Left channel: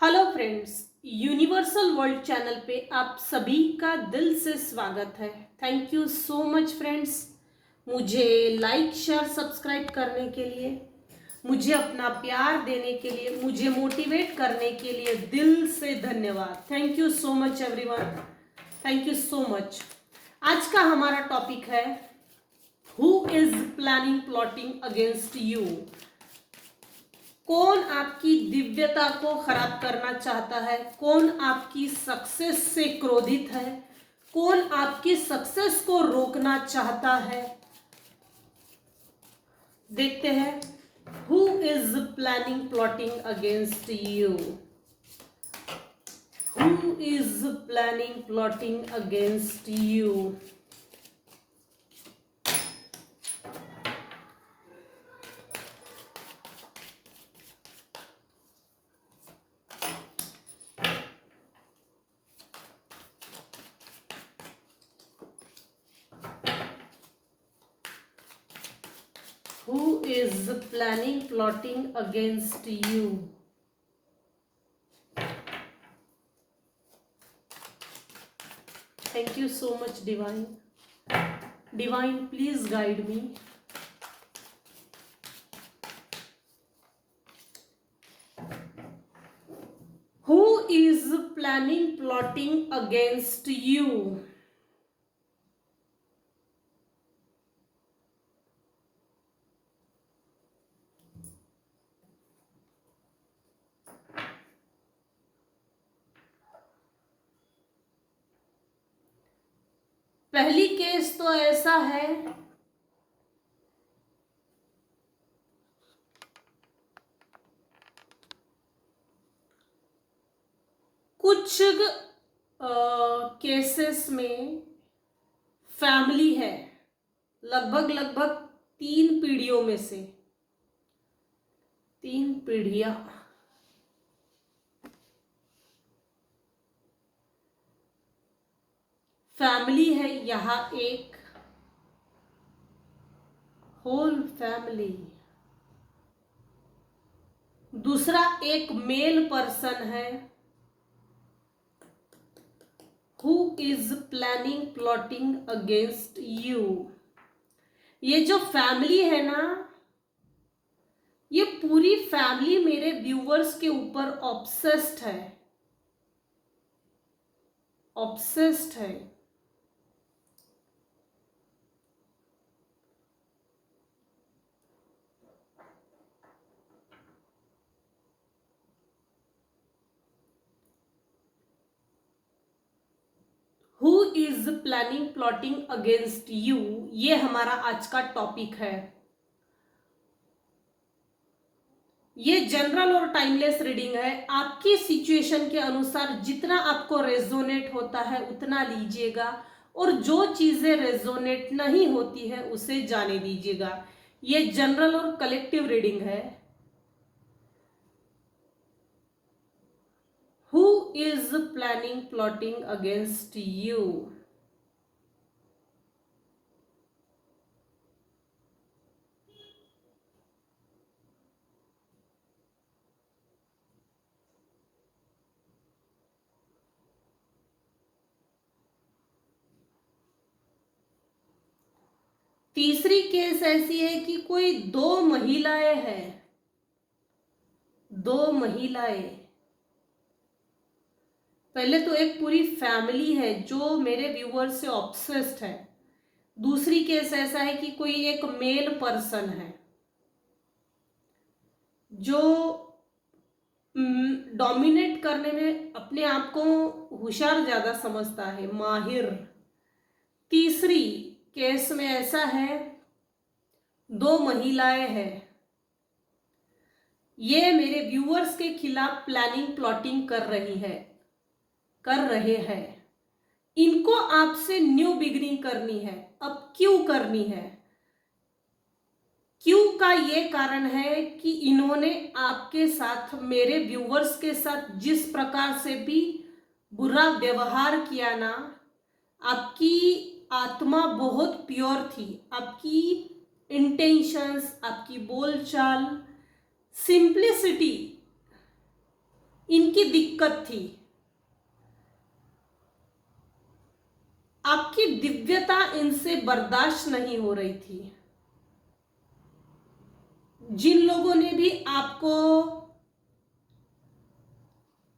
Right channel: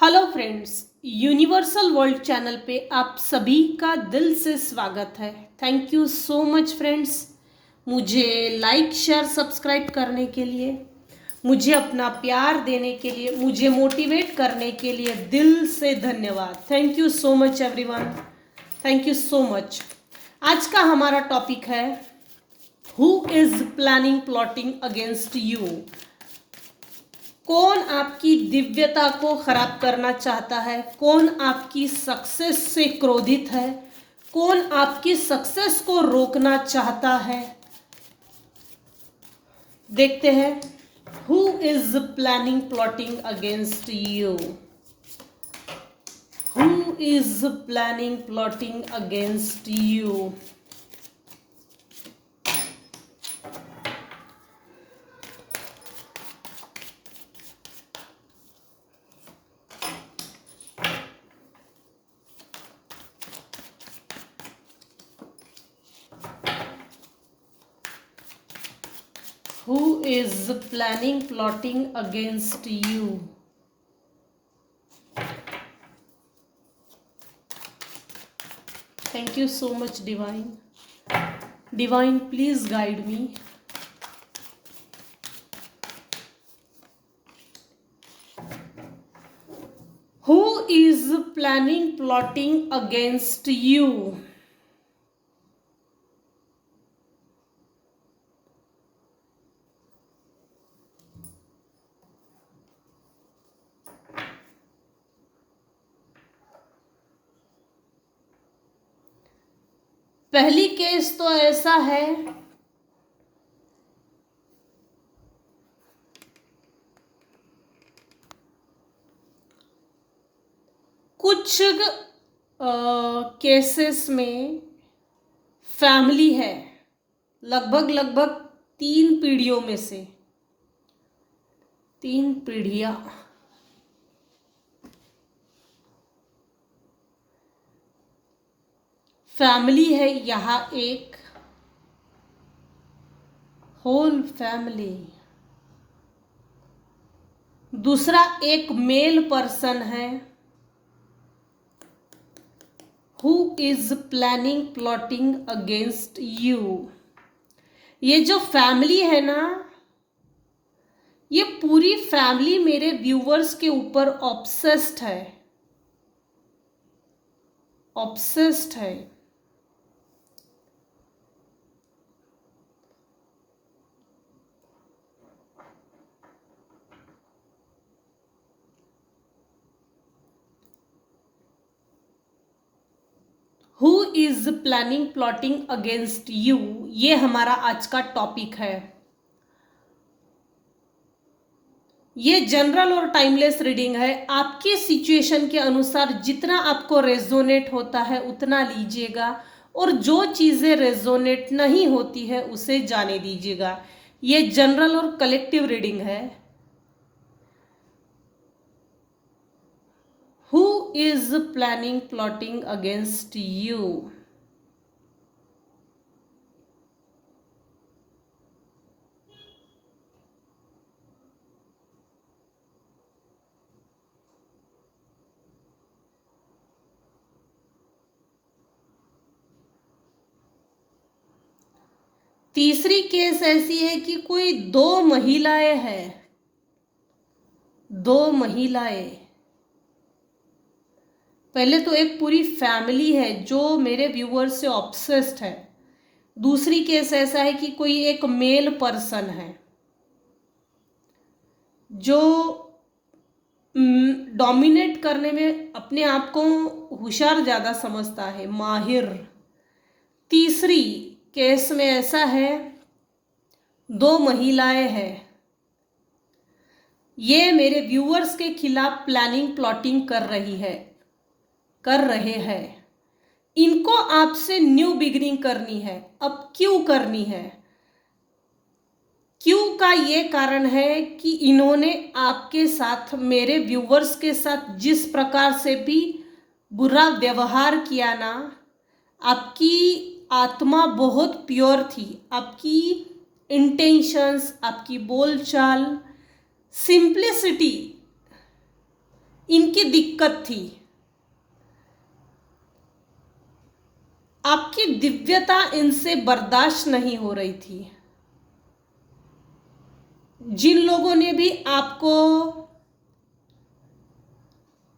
Hello friends, universal world channel पे आप सभी का दिल से स्वागत है। Thank you so much friends, मुझे लाइक शेयर सब्सक्राइब करने के लिए, मुझे अपना प्यार देने के लिए, मुझे मोटिवेट करने के लिए दिल से धन्यवाद। Thank you so much everyone, thank you so much. आज का हमारा टॉपिक है who is planning plotting against you. कौन आपकी दिव्यता को खराब करना चाहता है, कौन आपकी सक्सेस से क्रोधित है, कौन आपकी सक्सेस को रोकना चाहता है। देखते हैं who is planning plotting against you. Who is planning plotting against you. Who is planning plotting against you? Thank you so much, Divine. Divine, please guide me. Who is planning plotting against you? पहली case तो ऐसा है, कुछ cases में family है, लगभग 3 पीढ़ियों में से 3 पीढ़ियां, फैमिली है यहाँ, एक होल फैमिली। दूसरा एक मेल पर्सन है who is planning plotting against you. ये जो फैमिली है ना, ये पूरी फैमिली मेरे व्यूवर्स के ऊपर ऑब्सेस्ड है, ऑब्सेस्ड है। Who is planning plotting against you, ये हमारा आज का टॉपिक है। ये जनरल और टाइमलेस रीडिंग है। आपकी सिचुएशन के अनुसार जितना आपको रेजोनेट होता है उतना लीजिएगा, और जो चीजें रेजोनेट नहीं होती है उसे जाने दीजिएगा। ये जनरल और कलेक्टिव रीडिंग है। Who is planning plotting against you? तीसरी केस ऐसी है कि कोई 2 महिलाएं हैं, 2 महिलाएं। पहले तो एक पूरी फैमिली है जो मेरे व्यूअर से ऑब्सेस्ड है। दूसरी केस ऐसा है कि कोई एक मेल पर्सन है जो डोमिनेट करने में अपने आप को होशियार ज्यादा समझता है, माहिर। तीसरी केस में ऐसा है 2 महिलाएं हैं, ये मेरे व्यूअर्स के खिलाफ प्लानिंग प्लॉटिंग कर रहे हैं। इनको आपसे न्यू बिगिनिंग करनी है। अब क्यों करनी है? क्यों का ये कारण है कि इन्होंने आपके साथ, मेरे व्यूवर्स के साथ जिस प्रकार से भी बुरा व्यवहार किया ना, आपकी आत्मा बहुत प्योर थी, आपकी इंटेंशंस, आपकी बोलचाल, सिंप्लिसिटी, इनके इनकी दिक्कत थी। आपकी दिव्यता इनसे बर्दाश्त नहीं हो रही थी। जिन लोगों ने भी आपको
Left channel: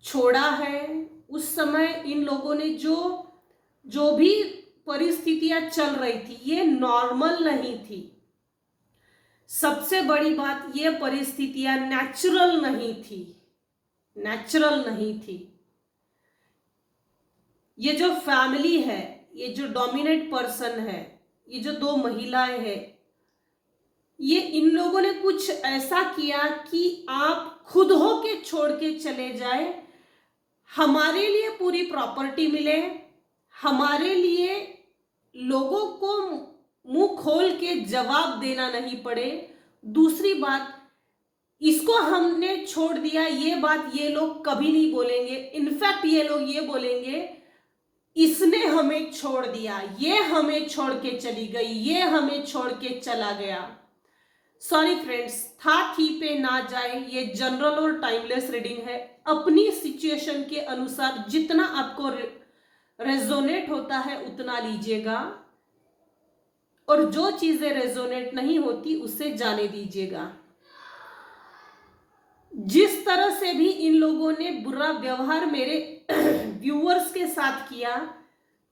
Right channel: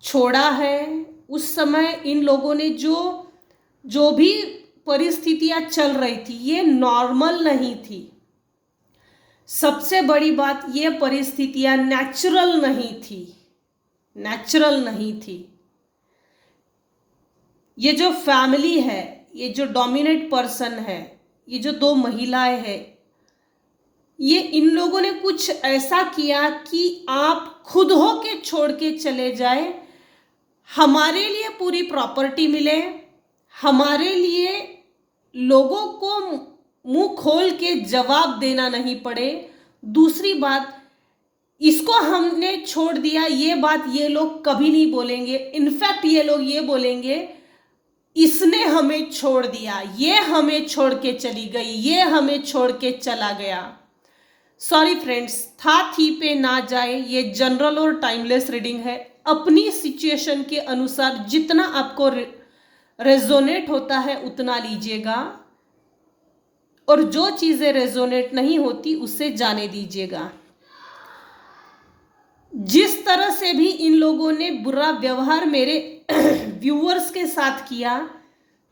छोड़ा है, उस समय इन लोगों ने जो भी परिस्थितियां चल रही थी, ये नॉर्मल नहीं थी। सबसे बड़ी बात, ये परिस्थितियां नेचुरल नहीं थी, नेचुरल नहीं थी। ये जो फैमिली है, ये जो डोमिनेट पर्सन है, ये जो दो महिलाएं हैं, ये इन लोगों ने कुछ ऐसा किया कि आप खुद हो के छोड़ के चले जाए, हमारे लिए पूरी प्रॉपर्टी मिले, हमारे लिए लोगों को मुंह खोल के जवाब देना नहीं पड़े। दूसरी बात, इसको हमने छोड़ दिया, ये बात ये लोग कभी नहीं बोलेंगे। इनफैक्ट ये लोग ये बोलेंगे, इसने हमें छोड़ दिया, ये हमें छोड़ के चली गई, ये हमें छोड़ के चला गया। सॉरी फ्रेंड्स, था थी पे ना जाए, ये जनरल और टाइमलेस रीडिंग है। अपनी सिचुएशन के अनुसार जितना आपको रेजोनेट होता है उतना लीजिएगा, और जो चीजें रेजोनेट नहीं होती उसे जाने दीजिएगा। जिस तरह से भी इन लोगों ने बुरा व्यवहार मेरे व्यूअर्स के साथ किया,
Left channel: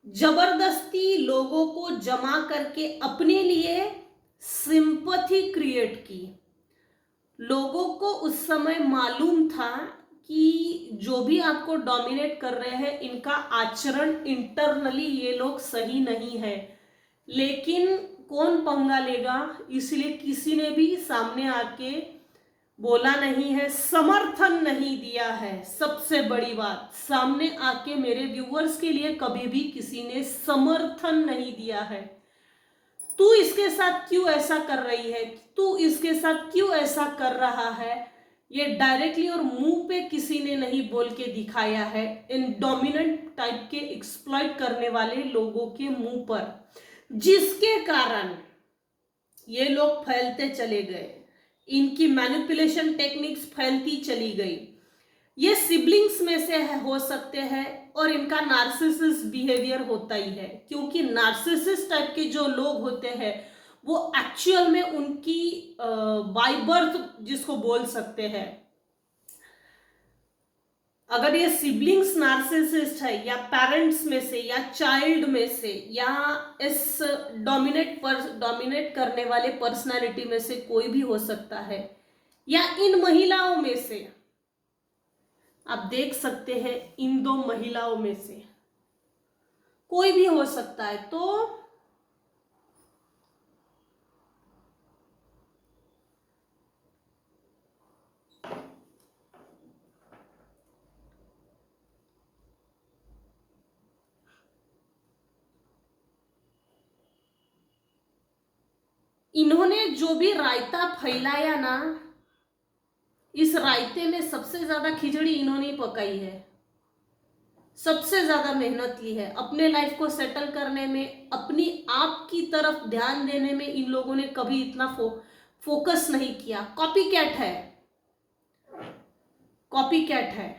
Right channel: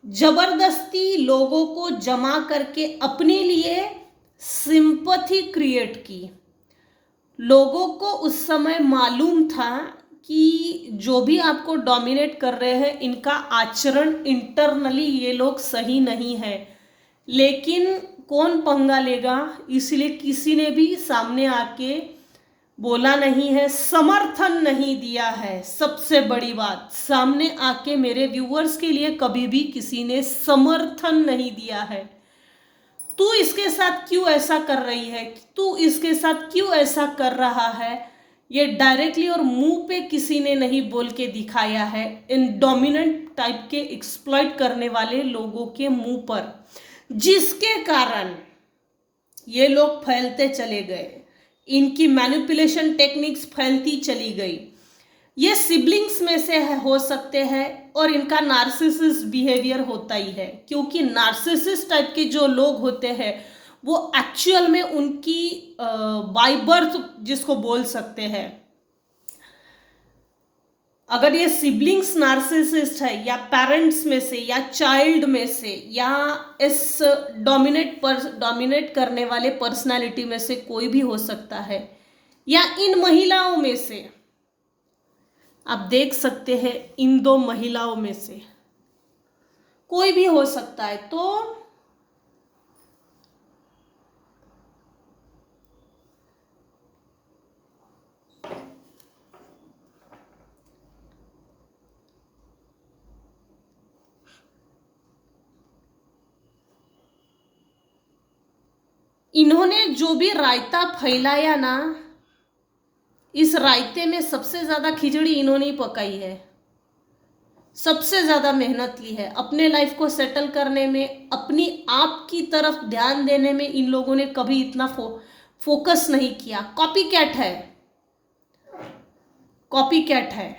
जबरदस्ती लोगों को जमा करके अपने लिए सिंपैथी क्रिएट की। लोगों को उस समय मालूम था कि जो भी आपको डोमिनेट कर रहे हैं, इनका आचरण इंटरनली ये लोग सही नहीं है, लेकिन कौन पंगा लेगा, इसलिए किसी ने भी सामने आके बोला नहीं है, समर्थन नहीं दिया है। सबसे बड़ी बात, सामने आके मेरे व्यूअर्स के लिए कभी भी किसी ने समर्थन नहीं दिया है। तू इसके साथ क्यों ऐसा कर रही है, तू इसके साथ क्यों ऐसा कर रहा है, ये डायरेक्टली और मुंह पे किसी ने नहीं बोल के दिखाया है। इन डोमिनेंट टाइप के एक्सप्लॉइट करने वाले लोगों के मुंह पर, जिसके कारण ये लोग फैलते चले गए, इनकी मैनिपुलेशन टेक्निक्स फैलती चली गई। ये सिबलिंग्स में से हो सकते हैं, और इनका नार्सिसिस्ट बिहेवियर होता ही है, क्योंकि नार्सिसिस्ट टाइप के जो लोग होते हैं वो एक्चुअल में उनकी बाय बर्थ जिसको बोल सकते हैं, अगर ये सिबलिंग्स नार्सिसिस्ट है, या पेरेंट्स में से, या चाइल्ड में से, या इस डोमिनेट करने वाले पर्सनालिटी में से कोई भी हो सकता है, या इन महिलाओं में से, आप देख सकते हैं इन दो महिलाओं में से कोई भी हो सकता है। तो इन्होंने जो भी रायता फैलाया ना, इस रायते में सबसे ज्यादा खिचड़ी इन्होंने ही पकाई है, सबसे ज्यादा मेहनत की है। अपने लाइफ को सेटल करने में, अपनी आप की तरफ ध्यान देने में इन लोगों ने कभी इतना फोकस नहीं किया। कॉपी कैट है, कॉपी कैट है।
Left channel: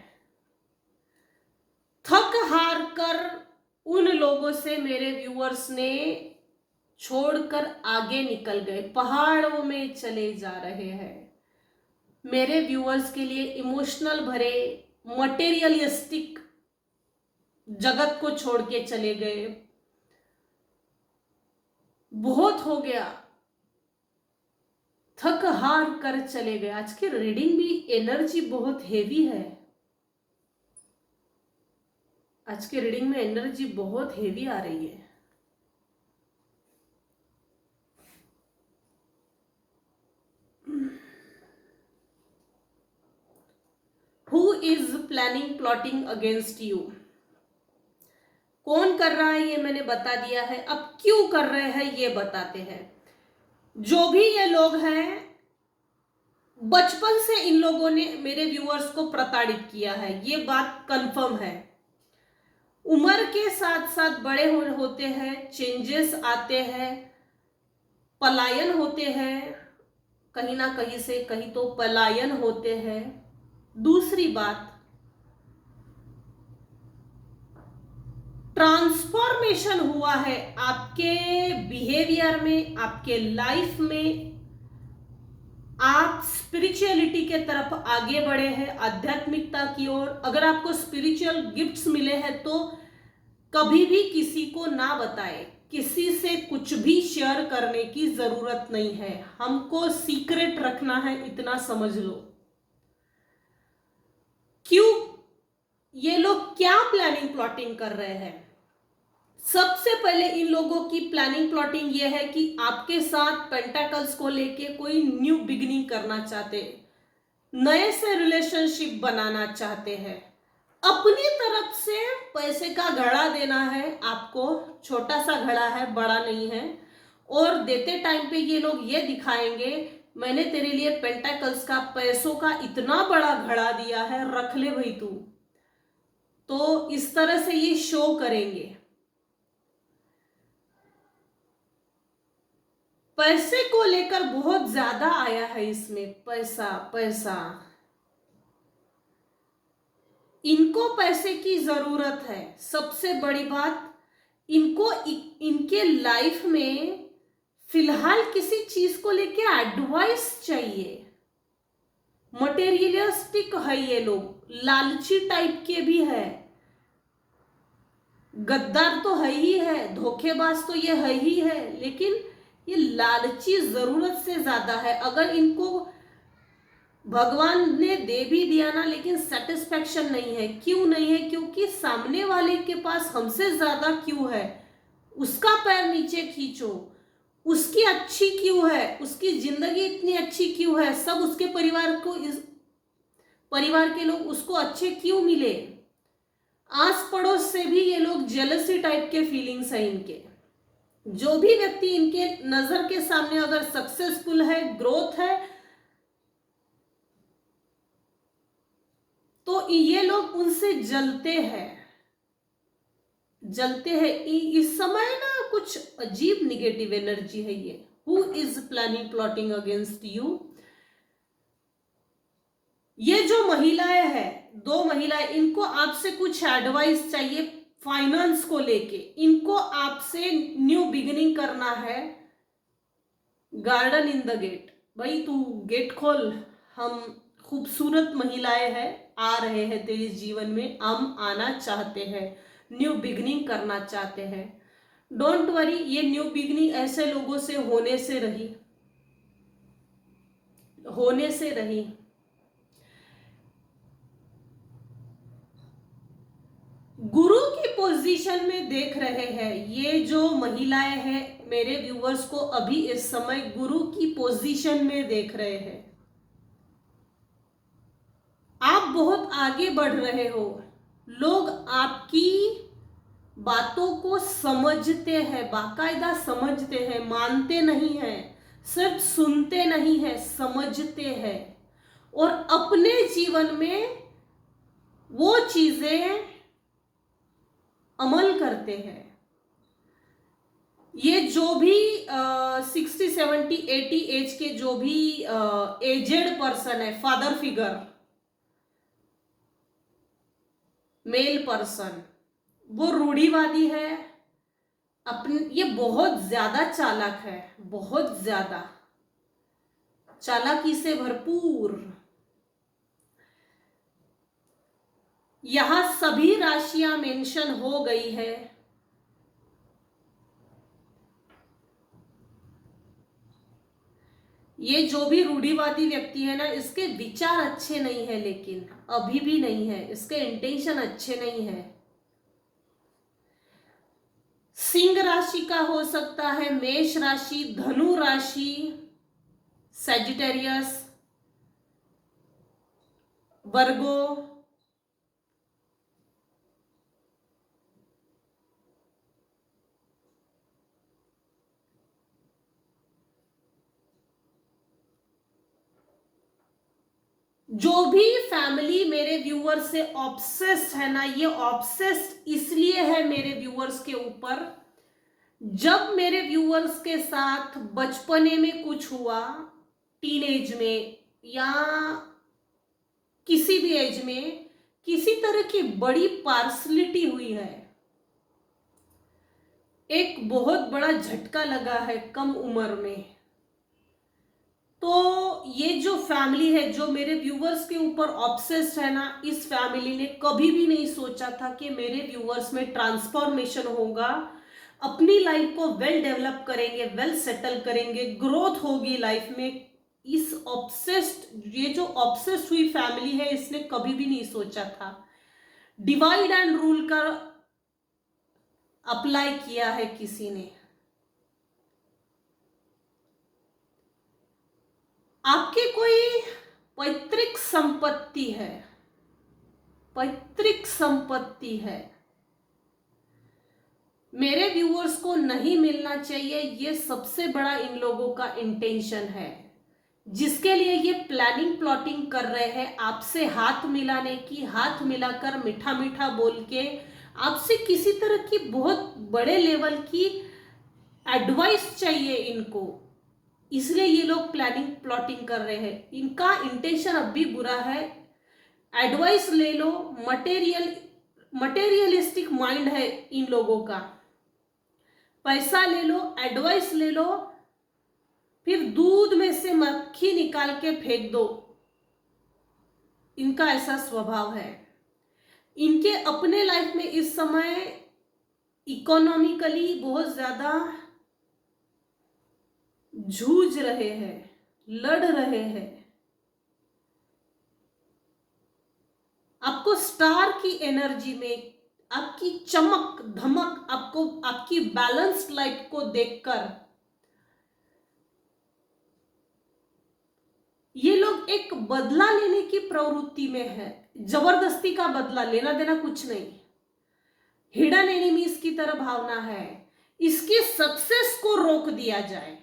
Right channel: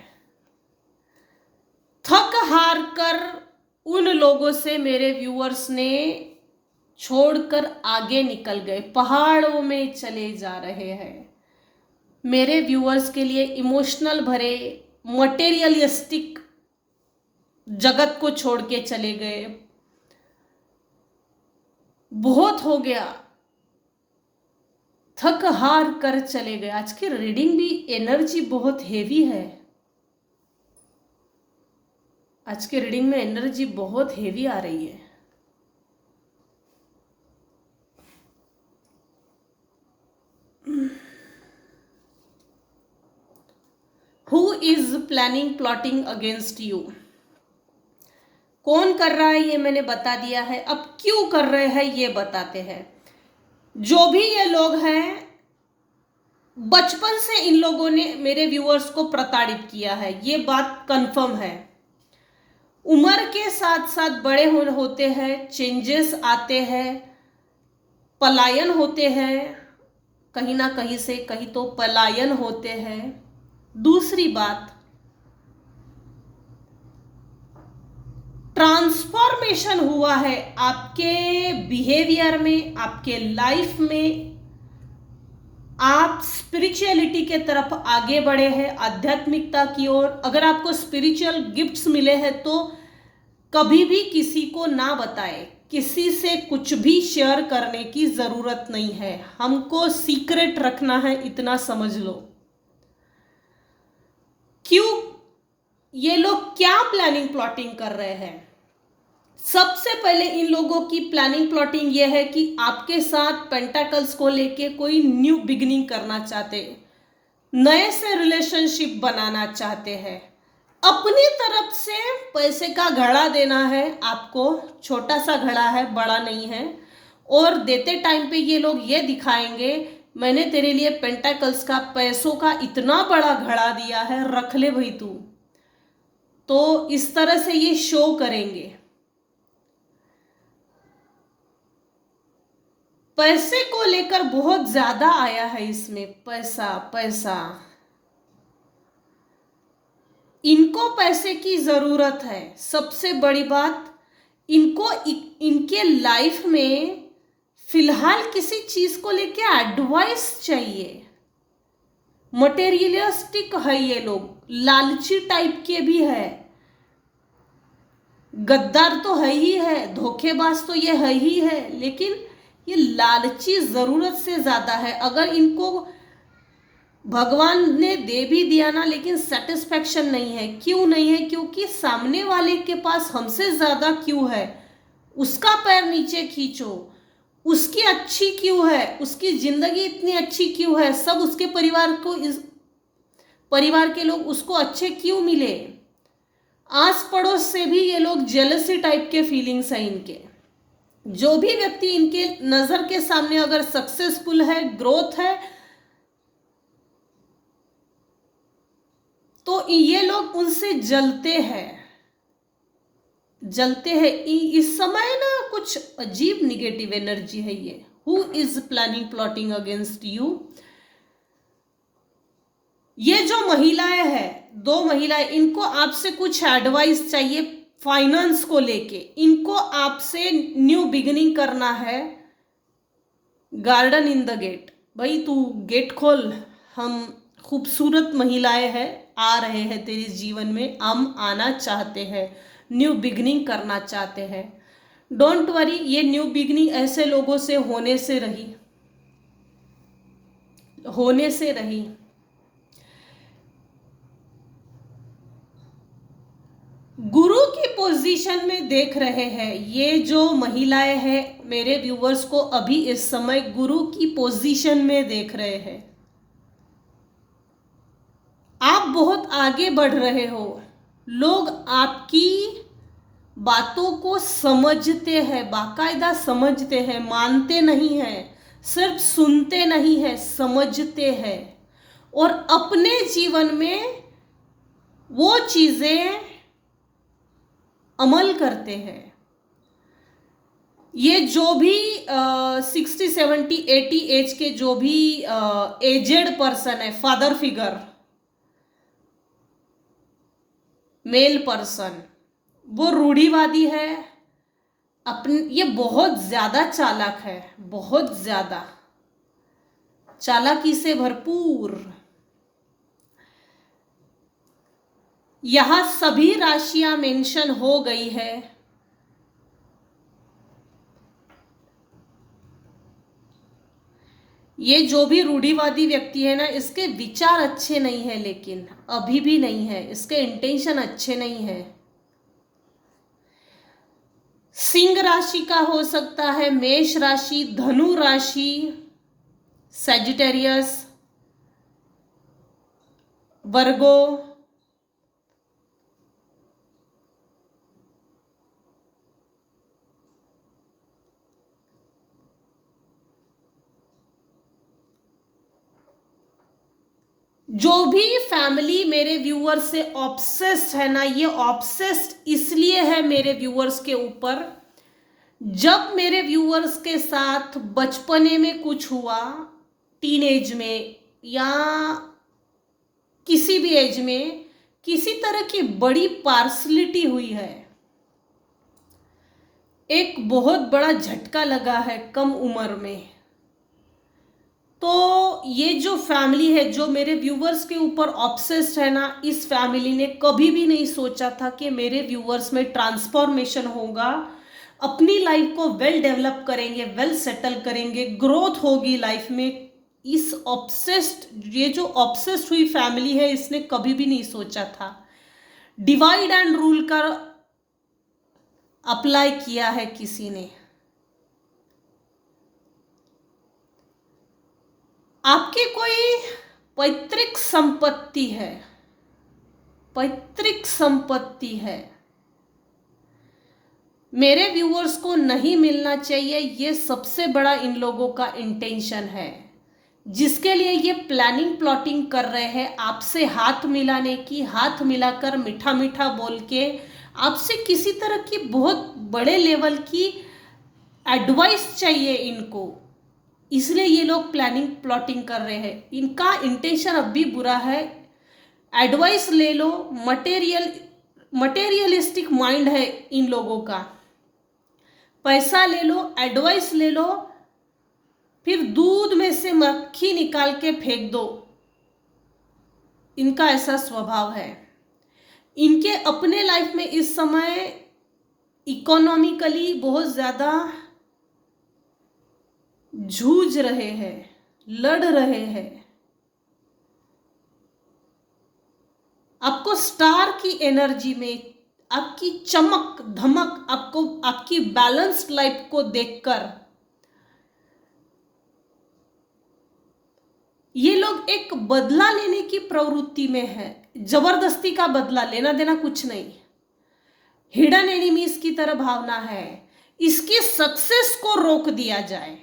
थक हार कर उन लोगों से मेरे व्यूअर्स ने छोड़कर आगे निकल गए, पहाड़ों में चले जा रहे हैं। मेरे व्यूअर्स के लिए इमोशनल भरे मटेरियलिस्टिक जगत को छोड़ के चले गए। बहुत हो गया, थक हार कर चले गए। आज की रीडिंग भी एनर्जी बहुत हेवी है, आज की रीडिंग में एनर्जी बहुत हेवी आ रही है। Who is planning plotting against you? कौन कर रहा है ये मैंने बता दिया है, अब क्यों कर रहे हैं ये बताते हैं। जो भी ये लोग हैं, बचपन से इन लोगों ने मेरे व्यूअर्स को प्रताड़ित किया है, ये बात कंफर्म है। उम्र के साथ साथ बड़े होते हैं, चेंजेस आते हैं, पलायन होते हैं, कहीं ना कहीं से कहीं तो पलायन होते हैं। दूसरी बात, ट्रांसफॉर्मेशन हुआ है आपके बिहेवियर में, आपके लाइफ में। आप स्पिरिचुअलिटी के तरफ आगे बढ़े हैं, आध्यात्मिकता की ओर। अगर आपको स्पिरिचुअल गिफ्ट्स मिले हैं तो कभी भी किसी को ना बताएं, किसी से कुछ भी शेयर करने की जरूरत नहीं है। हमको सीक्रेट रखना है, इतना समझ लो। क्यों? ये लोग क्या प्लानिंग प्लॉटिंग कर रहे हैं? सबसे पहले इन लोगों की प्लानिंग प्लॉटिंग ये है कि आपके साथ पेंटाकल्स को लेके कोई न्यू बिगिनिंग करना चाहते हैं, नए से रिलेशनशिप बनाना चाहते हैं, अपनी तरफ से पैसे का घड़ा देना है आपको। छोटा सा घड़ा है, बड़ा नहीं है। और देते टाइम पे ये लोग ये दिखाएंगे, मैंने तेरे लिए पेंटाकल्स का पैसों का इतना बड़ा घड़ा दिया है, रख ले भाई तू। तो इस तरह से ये शो करेंगे। पैसे को लेकर बहुत ज्यादा आया है इसमें, पैसा पैसा। इनको पैसे की जरूरत है। सबसे बड़ी बात, इनको इनके लाइफ में फिलहाल किसी चीज को लेके एडवाइस चाहिए। मटेरियलिस्टिक है ये लोग, लालची टाइप के भी है, गद्दार तो है ही है, धोखेबाज तो ये है ही है, लेकिन ये लालची जरूरत से ज्यादा है। अगर इनको भगवान ने दे भी दिया ना, लेकिन सेटिस्फेक्शन नहीं है। क्यों नहीं है? क्योंकि सामने वाले के पास हमसे ज्यादा क्यों है, उसका पैर नीचे खींचो। उसकी अच्छी क्यों है, उसकी जिंदगी इतनी अच्छी क्यों है, सब उसके परिवार के लोग उसको अच्छे क्यों मिले। आस पड़ोस से भी ये लोग जेलसी टाइप के फीलिंग्स हैं इनके। जो भी व्यक्ति इनके नजर के सामने अगर सक्सेसफुल है, ग्रोथ है, तो ये लोग उनसे जलते हैं। इस समय ना कुछ अजीब निगेटिव एनर्जी है ये। Who is planning plotting against you? ये जो महिलाएं हैं, दो महिलाएं, इनको आपसे कुछ एडवाइस चाहिए फाइनेंस को लेके। इनको आपसे न्यू बिगिनिंग करना है। गार्डन इन द गेट, भाई तू गेट खोल, हम खूबसूरत महिलाएं हैं, आ रहे हैं तेरे जीवन में, हम आना चाहते हैं, न्यू बिगिनिंग करना चाहते हैं। डोंट वरी, ये न्यू बिगिनिंग ऐसे लोगों से होने से रही। गुरु की पोजीशन में देख रहे हैं ये जो महिलाएं हैं, मेरे व्यूवर्स को अभी इस समय गुरु की पोजीशन में देख रहे हैं। आप बहुत आगे बढ़ रहे हो। लोग आपकी बातों को समझते हैं, बाकायदा समझते हैं, मानते नहीं हैं, सिर्फ सुनते नहीं हैं, समझते हैं और अपने जीवन में वो चीजें अमल करते हैं। ये जो भी 60, 70, 80 एज के जो भी एजेड पर्सन है, फादर फिगर, मेल पर्सन, वो रूढ़िवादी है। ये बहुत ज्यादा चालाक है, बहुत ज्यादा चालाकी से भरपूर। यहां सभी राशियां मेंशन हो गई है। ये जो भी रूढ़िवादी व्यक्ति है ना, इसके विचार अच्छे नहीं है, लेकिन अभी भी नहीं है, इसके इंटेंशन अच्छे नहीं है। सिंह राशि का हो सकता है, मेष राशि, धनु राशि, सैजिटेरियस, वर्गो, जो भी फैमिली मेरे व्यूअर्स से ऑब्सेस्ड है ना, ये ऑब्सेस्ड इसलिए है मेरे व्यूअर्स के ऊपर। जब मेरे व्यूअर्स के साथ बचपने में कुछ हुआ, टीन एज में या किसी भी एज में, किसी तरह की बड़ी पार्सलिटी हुई है, एक बहुत बड़ा झटका लगा है कम उम्र में। तो ये जो फैमिली है, जो मेरे व्यूवर्स के ऊपर ऑब्सेस्ड है ना, इस फैमिली ने कभी भी नहीं सोचा था कि मेरे व्यूवर्स में ट्रांसफॉर्मेशन होगा, अपनी लाइफ को वेल डेवलप करेंगे, वेल सेटल करेंगे, ग्रोथ होगी लाइफ में। इस ऑब्सेस्ड, ये जो ऑब्सेस्ड हुई फैमिली है, इसने कभी भी नहीं सोचा था। डिवाइड एंड रूल का अप्लाई किया है किसी ने। आपके कोई पैतृक संपत्ति है, पैतृक संपत्ति है, मेरे व्यूअर्स को नहीं मिलना चाहिए, ये सबसे बड़ा इन लोगों का इंटेंशन है, जिसके लिए ये प्लानिंग प्लॉटिंग कर रहे हैं आपसे हाथ मिलाने की, हाथ मिलाकर मीठा मीठा बोल के आपसे किसी तरह की बहुत बड़े लेवल की एडवाइस चाहिए इनको, इसलिए ये लोग प्लानिंग प्लॉटिंग कर रहे हैं। इनका इंटेंशन अब भी बुरा है। एडवाइस ले लो, मटेरियलिस्टिक माइंड है इन लोगों का। पैसा ले लो, एडवाइस ले लो, फिर दूध में से मक्खी निकाल के फेंक दो, इनका ऐसा स्वभाव है। इनके अपने लाइफ में इस समय इकोनॉमिकली बहुत ज्यादा जूझ रहे हैं, लड़ रहे हैं। आपको स्टार की एनर्जी में, आपकी चमक धमक, आपको आपकी बैलेंस्ड लाइफ को देखकर ये लोग एक बदला लेने की प्रवृत्ति में है। जबरदस्ती का बदला, लेना देना कुछ नहीं, हिडन एनिमीज की तरह भावना है। इसके सक्सेस को रोक दिया जाए।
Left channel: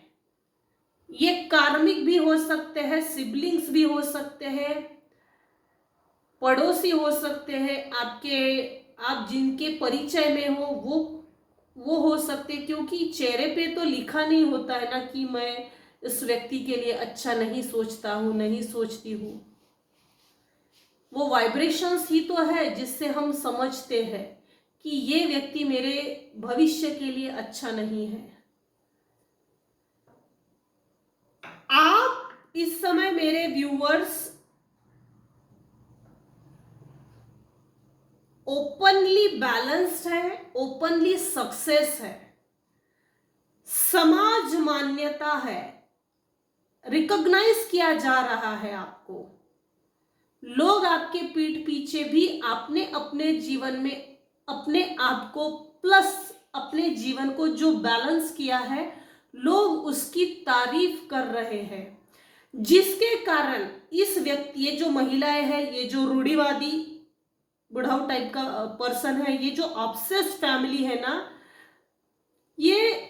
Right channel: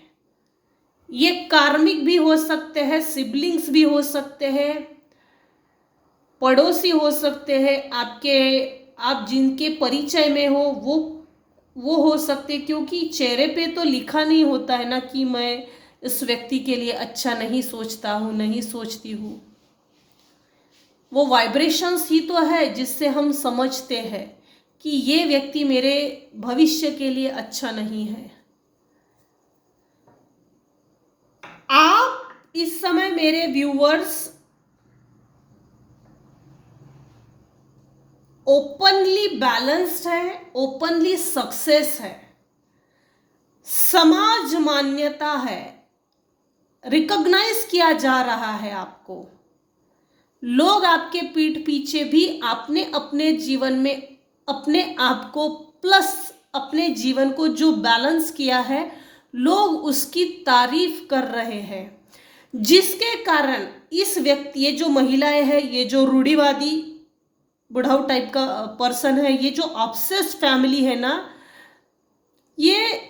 ये कार्मिक भी हो सकते हैं, सिबलिंग्स भी हो सकते हैं, पड़ोसी हो सकते हैं, आपके, आप जिनके परिचय में हो वो हो सकते, क्योंकि चेहरे पे तो लिखा नहीं होता है ना कि मैं इस व्यक्ति के लिए अच्छा नहीं सोचता हूं, नहीं सोचती हूं। वो वाइब्रेशंस ही तो है जिससे हम समझते हैं कि ये व्यक्ति मेरे भविष्य के लिए अच्छा नहीं है। आप इस समय मेरे व्यूअर्स ओपनली बैलेंस्ड है, ओपनली सक्सेस है, समाज मान्यता है, रिकॉग्नाइज किया जा रहा है आपको। लोग आपके पीठ पीछे भी आपने अपने जीवन में अपने आप को प्लस अपने जीवन को जो बैलेंस किया है, लोग उसकी तारीफ कर रहे हैं, जिसके कारण इस व्यक्ति, ये जो महिलाएं हैं, ये जो रूढ़िवादी बुढ़ाऊ टाइप का पर्सन है, ये जो ऑब्सेस्ड फैमिली है ना, ये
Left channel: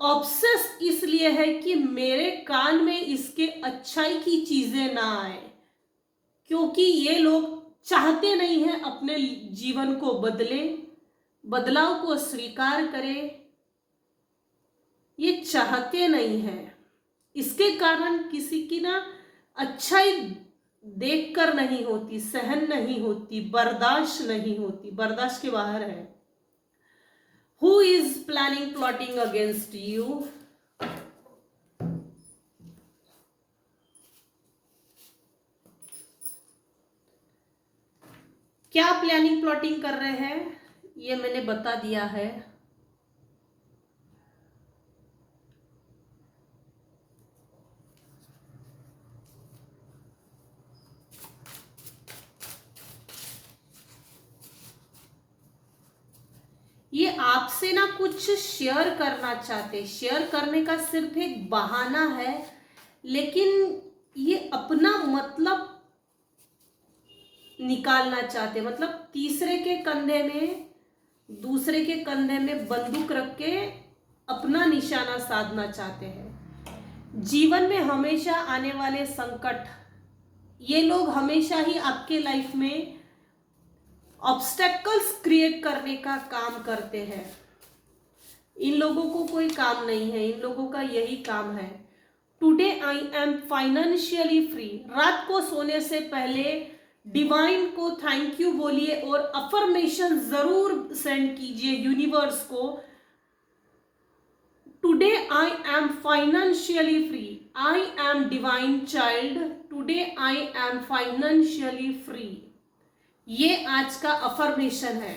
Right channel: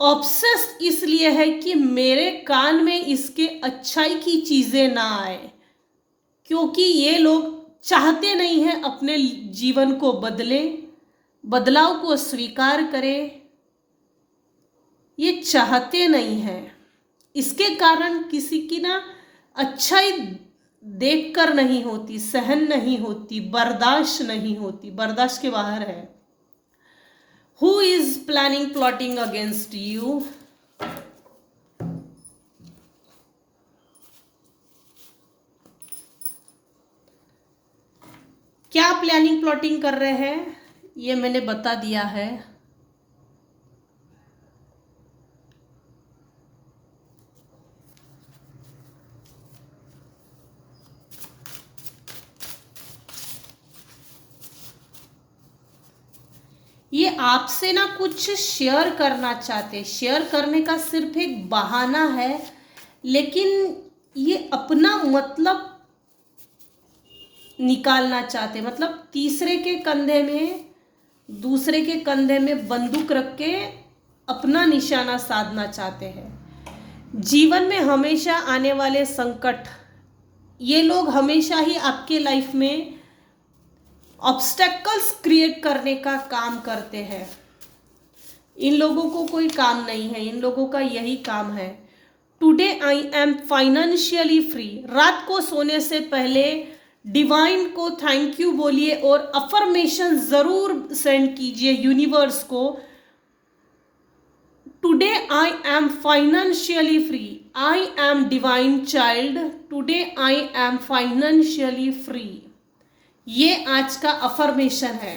ऑब्सेस्ड इसलिए है कि मेरे कान में इसके अच्छाई की चीजें ना आए, क्योंकि ये लोग चाहते नहीं हैं अपने जीवन को बदले, बदलाव को स्वीकार करें, ये चाहते नहीं हैं। इसके कारण किसी की ना अच्छाई देखकर नहीं होती, सहन नहीं होती, बर्दाश्त नहीं होती, बर्दाश्त के बाहर है। Who is planning plotting against you? क्या प्लानिंग प्लॉटिंग कर रहे हैं ये मैंने बता दिया है। ये आपसे ना कुछ शेयर करना चाहते, शेयर करने का सिर्फ एक बहाना है, लेकिन ये अपना मतलब निकालना चाहते, मतलब तीसरे के कंधे में, दूसरे के कंधे में बंदूक रख के अपना निशाना साधना चाहते हैं। जीवन में हमेशा आने वाले संकट, ये लोग हमेशा ही आपके लाइफ में ऑब्स्टेकल्स क्रिएट करने का काम करते हैं। इन लोगों को कोई काम नहीं है, इन लोगों का यही काम है। Today I am financially free. रात को सोने से पहले डिवाइन को थैंक यू बोलिए और अफर्मेशन जरूर सेंड कीजिए यूनिवर्स को। Today I am financially free, I am divine child, today I am financially free. ये आज का अफर्मेशन है।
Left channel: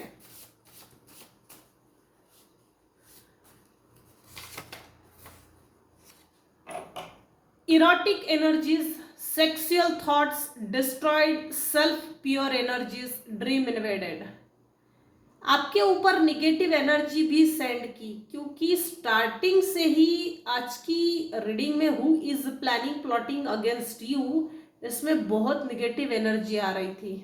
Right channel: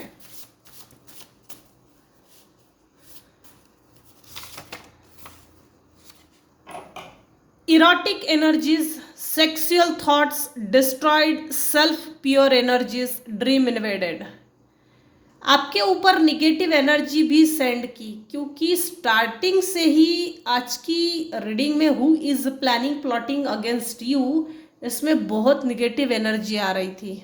Erotic energies, sexual thoughts destroyed, self pure energies, dream invaded. आपके ऊपर निगेटिव एनर्जी भी सेंड की, क्योंकि स्टार्टिंग से ही आज की रीडिंग में who is planning plotting against you, इसमें बहुत निगेटिव एनर्जी आ रही थी।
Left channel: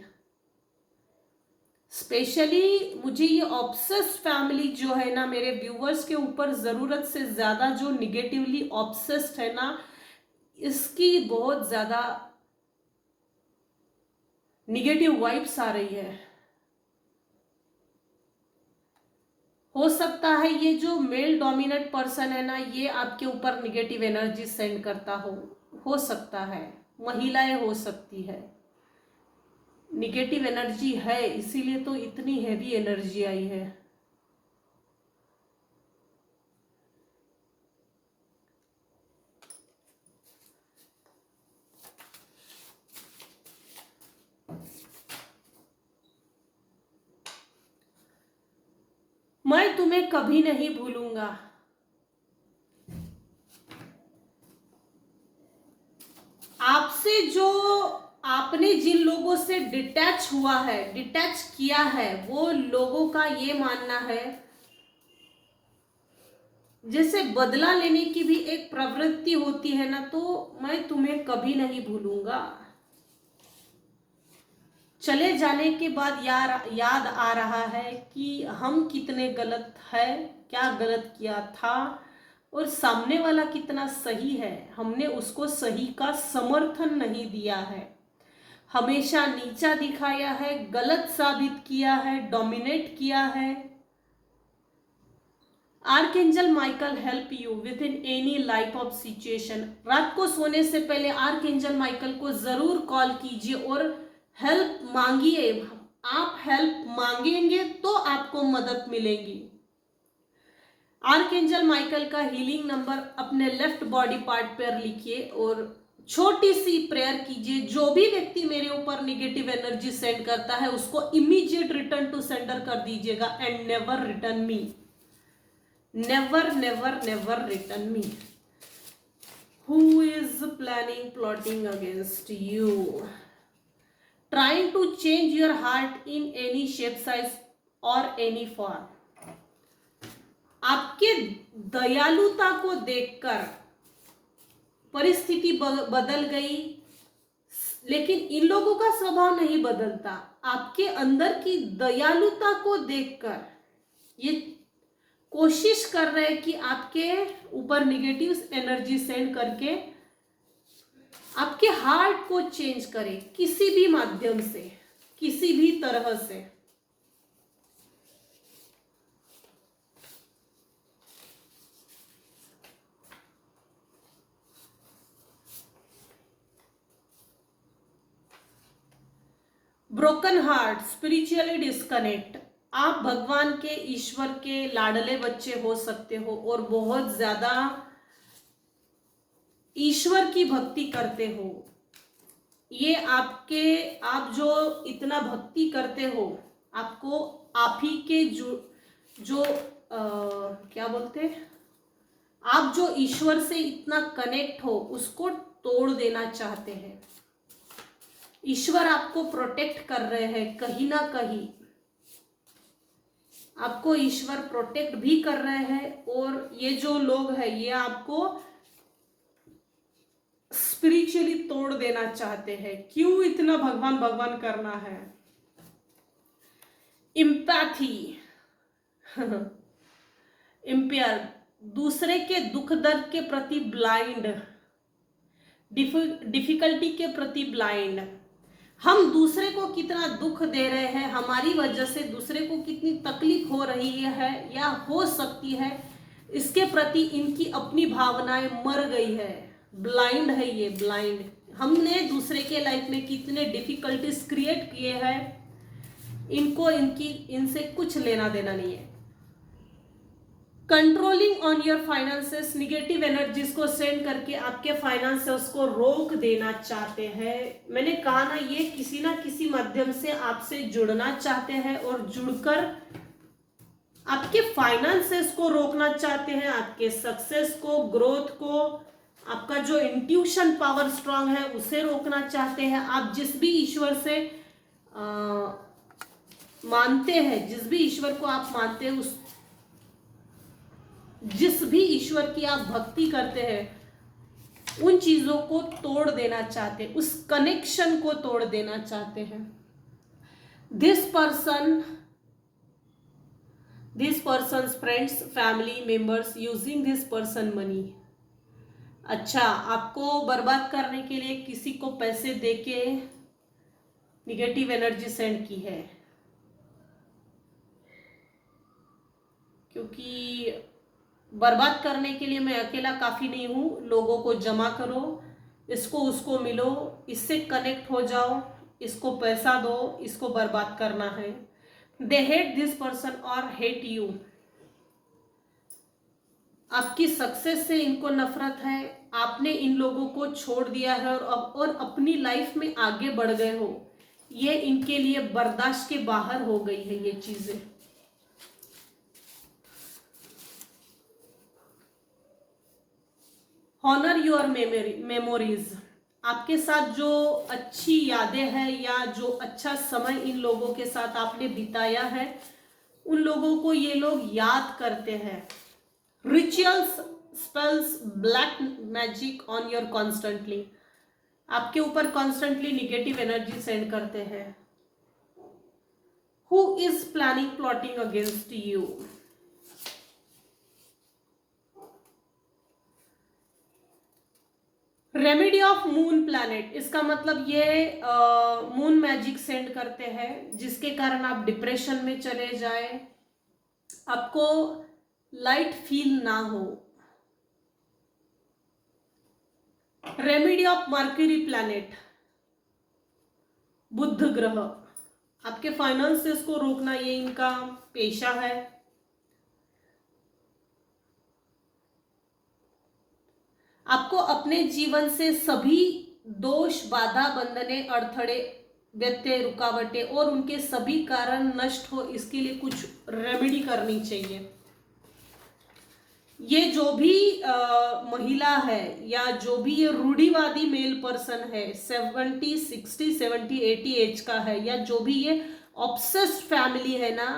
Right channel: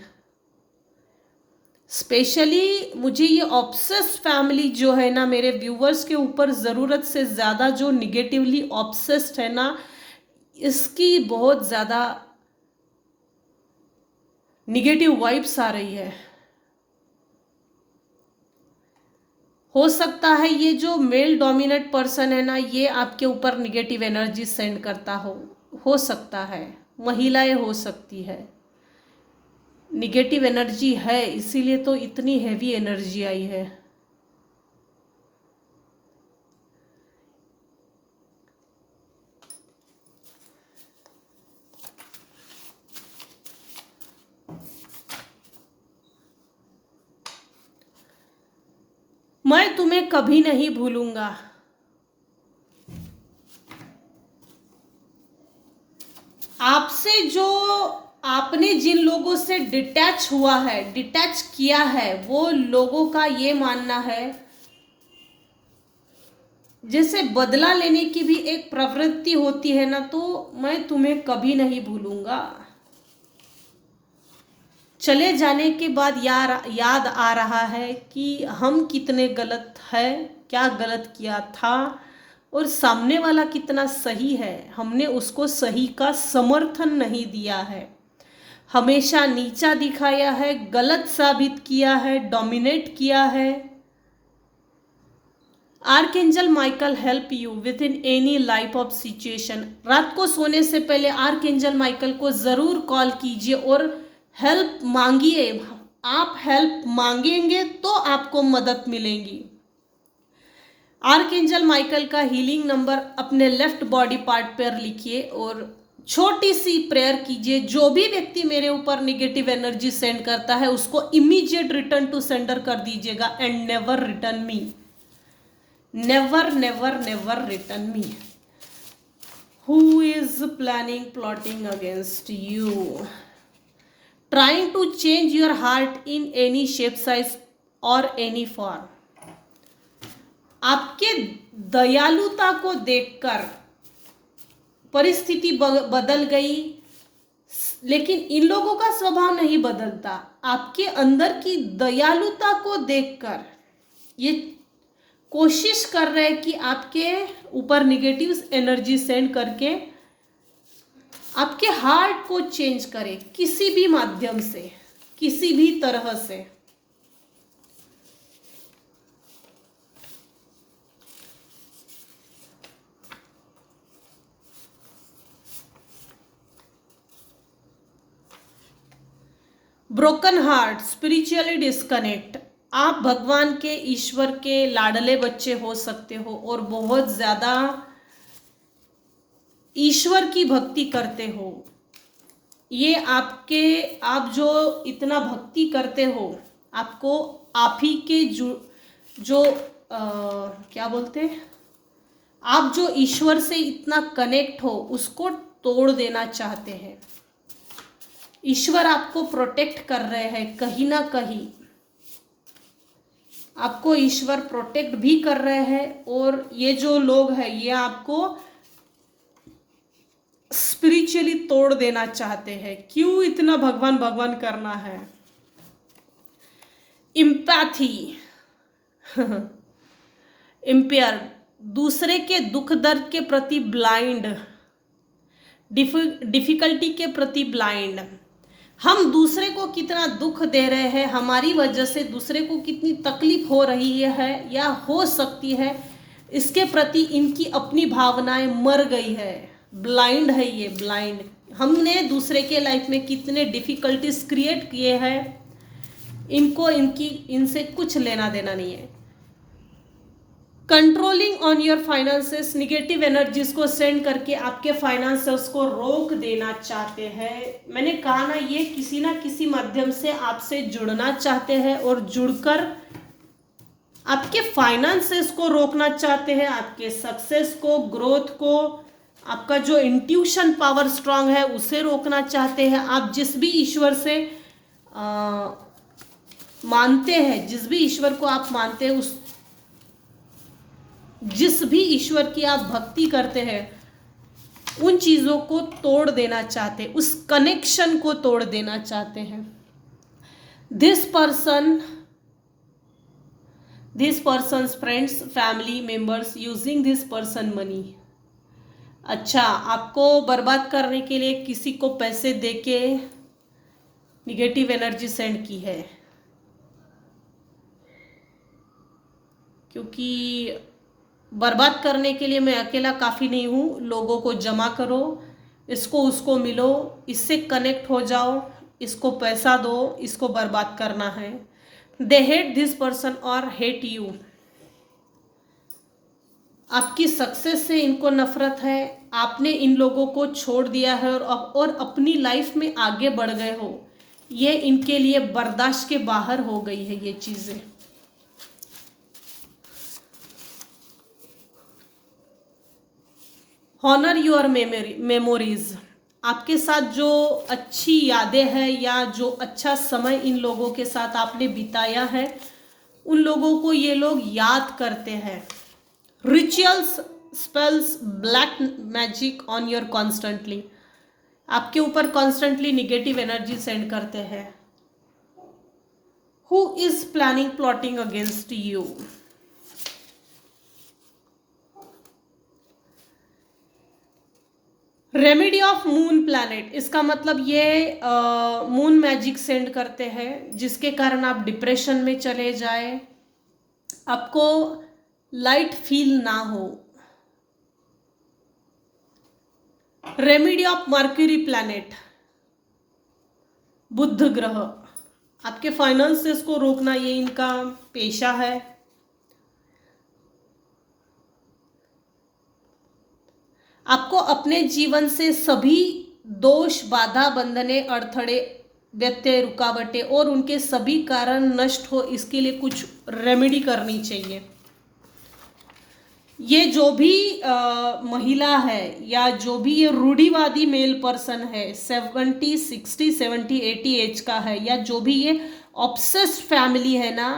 स्पेशली मुझे ये ऑब्सेस्ड फैमिली जो है ना, मेरे व्यूवर्स के ऊपर ज़रूरत से ज़्यादा जो निगेटिवली ऑब्सेस्ड है ना, इसकी बहुत ज़्यादा निगेटिव वाइब्स आ रही है। हो सकता है ये जो मेल डोमिनेट पर्सन है ना, ये आपके ऊपर निगेटिव एनर्जी सेंड करता हो सकता है, महिलाएं हो सकती है। निगेटिव एनर्जी है, इसीलिए तो इतनी हैवी एनर्जी आई है। मैं तुम्हें कभी नहीं भूलूंगा। आपसे जो आपने जिन लोगों से डिटैच हुआ है, डिटैच किया है, वो लोगों का ये मानना है जैसे बदला लेने की भी एक प्रवृत्ति होती है ना, तो मैं तुम्हें कभी नहीं भूलूंगा। चले जाने के बाद याद आ रहा है कि हम कितने गलत है, क्या गलत किया था, और सामने वाला कितना सही है, हमने उसको सही का समर्थन नहीं दिया है, हमेशा नीचा दिखाया है, गलत साबित किया है, डोमिनेट किया है। Archangel Michael help you with in any life of situation. रात को सोने से पहले आर्कएंजल माइकल को जरूर कॉल कीजिए और हेल्प मांगिए। आप हेल्प मांगेंगे तो आपको मदद मिलेगी। आर्कएंजल माइकल का हीलिंग नंबर अपने लेफ्ट बॉडी पार्ट पर लिखिए और छोटी सी प्रेयर कीजिए। जो भी व्यक्ति मेरे ऊपर निगेटिव एनर्जी सेंड करता है उसको इमीडिएट रिटर्न टू सेंडर कर दीजिएगा। And never return me, never never never return me. Who is planning plotting against you, trying to change your heart in any shape, size और any form. आपके दयालुता को देखकर परिस्थिति बदल गई, लेकिन इन लोगों का स्वभाव नहीं बदलता। आपके अंदर की दयालुता को देखकर ये कोशिश कर रहे हैं कि आपके ऊपर निगेटिव एनर्जी सेंड करके आपके हार्ट को चेंज करे, किसी भी माध्यम से, किसी भी तरह से। Broken heart, spiritually disconnect. आप भगवान के, ईश्वर के लाडले बच्चे हो सकते हो और बहुत ज्यादा ईश्वर की भक्ति करते हो। ये आप जो इतना भक्ति करते हो, आपको आप ही के क्या बोलते हैं, आप जो ईश्वर से इतना कनेक्ट हो उसको तोड़ देना चाहते हैं। ईश्वर आपको प्रोटेक्ट कर रहे हैं, कहीं ना कहीं आपको ईश्वर प्रोटेक्ट भी कर रहे हैं। और ये जो लोग हैं ये आपको स्पिरिचुअली तोड़ देना चाहते हैं। क्यों इतना भगवान भगवान करना है? इम्पैथी, इम्पेयर, दूसरे के दुख दर्द के प्रति ब्लाइंड, डिफिकल्टी के प्रति ब्लाइंड। हम दूसरे को कितना दुख दे रहे हैं, हमारी वजह से दूसरे को कितनी तकलीफ हो रही है या हो सकती है, इसके प्रति इनकी अपनी भावनाएं मर गई है। ब्लाइंड है ये, ब्लाइंड। हमने दूसरे के लाइफ में कितने डिफिकल्टीज क्रिएट किए हैं, इनको इनसे कुछ लेना देना नहीं है। Controlling on your finances, negative energies को सेंड करके आपके फाइनेंसेस को रोक देना चाहते हैं। मैंने कहा ना, ये किसी ना किसी माध्यम से आपसे जुड़ना चाहते हैं और जुड़कर आपके फाइनेंसेस को रोकना चाहते हैं, आपके सक्सेस को, ग्रोथ को, आपका जो इंट्यूशन पावर स्ट्रांग है उसे रोकना चाहते हैं। आप जिस भी ईश्वर से मानते हैं, जिस भी ईश्वर को आप मानते हैं, उस जिस भी ईश्वर की आप भक्ति करते हैं, उन चीजों को तोड़ देना चाहते हैं, उस कनेक्शन को तोड़ देना चाहते हैं। This persons friends, family members using this person money. अच्छा, आपको बर्बाद करने के लिए किसी को पैसे देके निगेटिव एनर्जी सेंड की है, क्योंकि बर्बाद करने के लिए मैं अकेला काफ़ी नहीं हूँ। लोगों को जमा करो, इसको उसको मिलो, इससे कनेक्ट हो जाओ, इसको पैसा दो, इसको बर्बाद करना है। दे हेट दिस पर्सन और हेट यू। आपकी सक्सेस से इनको नफरत है, आपने इन लोगों को छोड़ दिया है और अपनी लाइफ में आगे बढ़ गए हो। ये इनके लिए बर्दाश्त के बाहर हो गई है ये चीज़ें। Honour your memories. आपके साथ जो अच्छी यादें हैं या जो अच्छा समय इन लोगों के साथ आपने बिताया है, उन लोगों को ये लोग याद करते हैं। Rituals, spells, black magic on your constantly. आपके ऊपर कॉन्स्टेंटली निगेटिव एनर्जी सेंड करते हैं। Who is planning plotting against you. Remedy of moon planet, इसका मतलब ये मून मैजिक सेंड करते हैं जिसके कारण आप डिप्रेशन में चले जाए, आपको लाइट फील ना हो। रेमेडी ऑफ मर्क्यूरी प्लैनेट, बुध ग्रह। आपके फाइनेंसेस को रोकना ये इनका पेशा है। आपको अपने जीवन से सभी दोष, बाधा, बंधने, अड़थड़े, व्यत्यय, रुकावटें और उनके सभी कारण नष्ट हो, इसके लिए कुछ रेमेडी करनी चाहिए। ये जो भी महिला है या जो भी ये रूढ़िवादी मेल पर्सन है, 70, 60, 70, 80 एज का है, या जो भी ये ऑब्सेस्ड फैमिली है ना,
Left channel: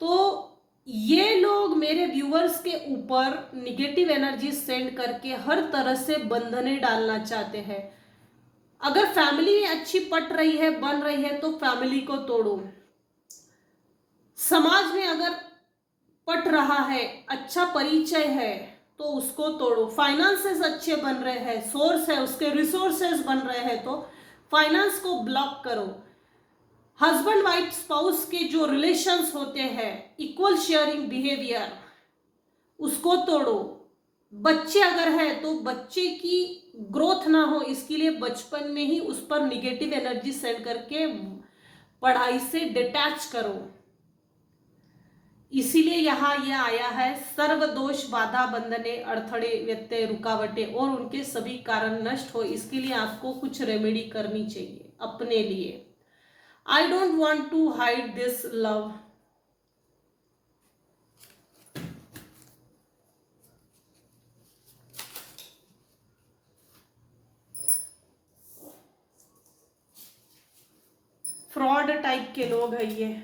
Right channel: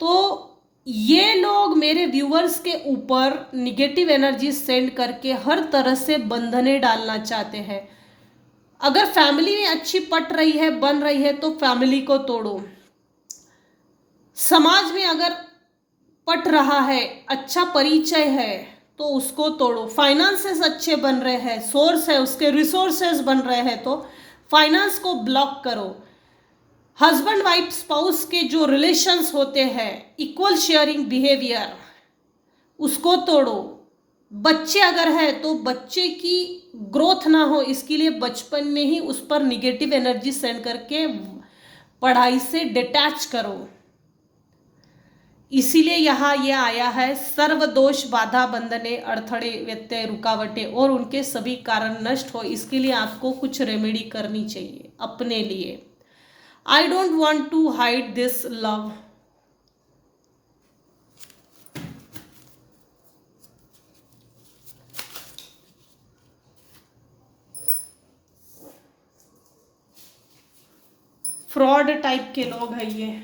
तो ये लोग मेरे व्यूअर्स के ऊपर निगेटिव एनर्जी सेंड करके हर तरह से बंधने डालना चाहते हैं। अगर फैमिली अच्छी पट रही है, बन रही है, तो फैमिली को तोड़ो। समाज में अगर पट रहा है, अच्छा परिचय है, तो उसको तोड़ो। फाइनेंसेस अच्छे बन रहे हैं, सोर्स है, उसके रिसोर्सेस बन रहे हैं, तो फाइनेंस को ब्लॉक करो। हस्बैंड वाइफ स्पाउस के जो रिलेशंस होते हैं, इक्वल शेयरिंग बिहेवियर, उसको तोड़ो। बच्चे अगर है तो बच्चे की ग्रोथ ना हो, इसके लिए बचपन में ही उस पर निगेटिव एनर्जी सेंड करके पढ़ाई से डिटैच करो। इसीलिए यहाँ ये आया है, सर्व दोष, बाधा, बंधने, अड़थड़े, व्यत्यय, रुकावटें और उनके सभी कारण नष्ट हो, इसके लिए आपको कुछ रेमेडी करनी चाहिए अपने लिए। I don't want to hide this love. Fraud type के लोग हैं ये।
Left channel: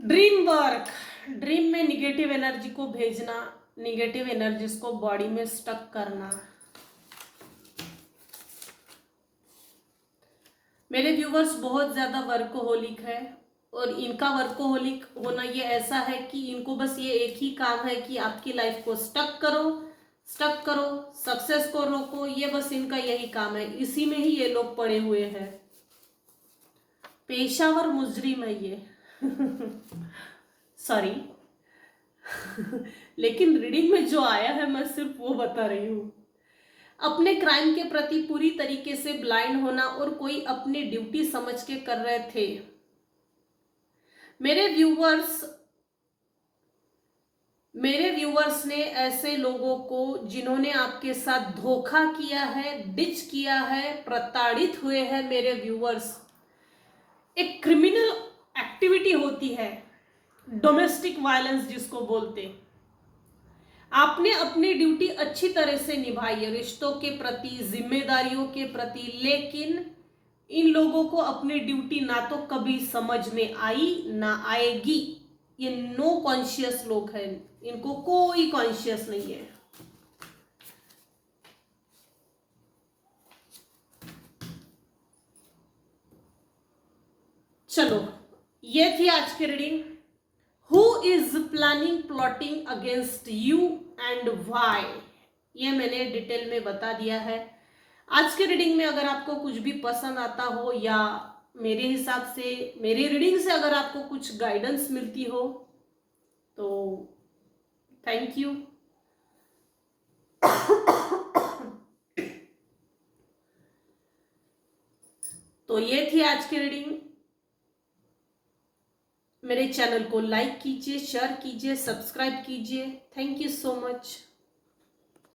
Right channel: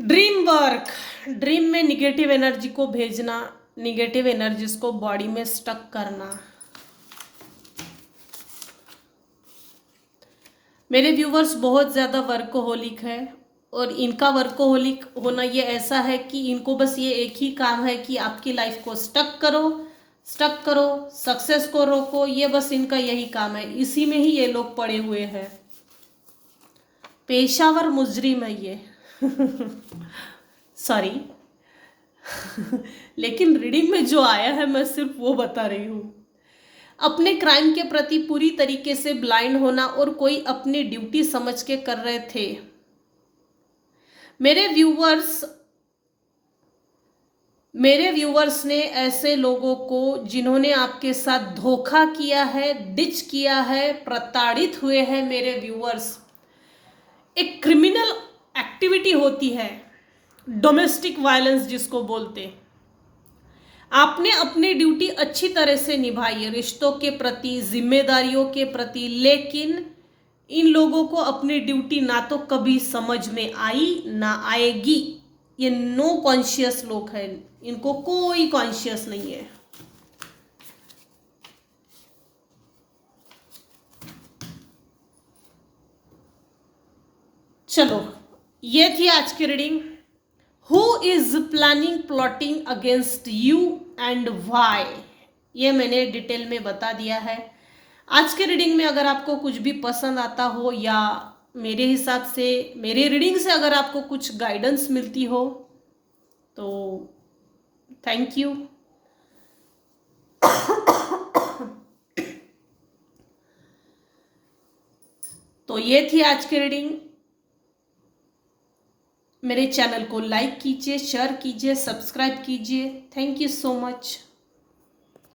ड्रीम वर्क, ड्रीम में निगेटिव एनर्जी को भेजना, निगेटिव एनर्जीज को बॉडी में स्टक करना। मेरे व्यूवर्स बहुत ज़्यादा वर्कोहोलिक है, और इनका वर्कोहोलिक होना ये ऐसा है कि इनको बस ये एक ही काम है कि आपकी लाइफ को स्टक करो, सक्सेस को रोको, ये बस इनका यही काम है। इसी में ही ये लोग पड़े हुए हैं। पेशावर मुजरिम है ये। सॉरी। लेकिन रीडिंग में जो आया है मैं सिर्फ वो बता रही हूँ। अपने क्राइम के प्रति पूरी तरीके से ब्लाइंड होना और कोई अपनी ड्यूटी समझ के कर रहे थे। मेरे व्यूवर्स ने ऐसे लोगों को जिन्होंने आपके साथ धोखा किया है, डिच किया है, प्रताड़ित हुए हैं, मेरे व्यूवर्स, एक क्रिमिनल एक्टिविटी होती है डोमेस्टिक वायलेंस जिसको बोलते। आपने अपनी ड्यूटी अच्छी तरह से निभाई है रिश्तों के प्रति, जिम्मेदारियों के प्रति, लेकिन इन लोगों को अपनी ड्यूटी ना तो कभी समझ में आई ना आएगी। ये नो कॉन्शियस लोग हैं, इनको कोई कॉन्शियस नहीं है। चलो, ये थी आज की reading. Who is planning plotting against you and why, ये मैंने डिटेल में बता दिया है। आज के रीडिंग में अगर आपको कुछ भी पसंद आता हो या मेरे हिसाब से मेरी रीडिंग से अगर आपको कुछ गाइडेंस मिलती हो तो थैंक यू। तो ये थी आज की रीडिंग। मेरे चैनल को लाइक कीजिए, शेयर कीजिए, सब्सक्राइब कीजिए। Thank you so much.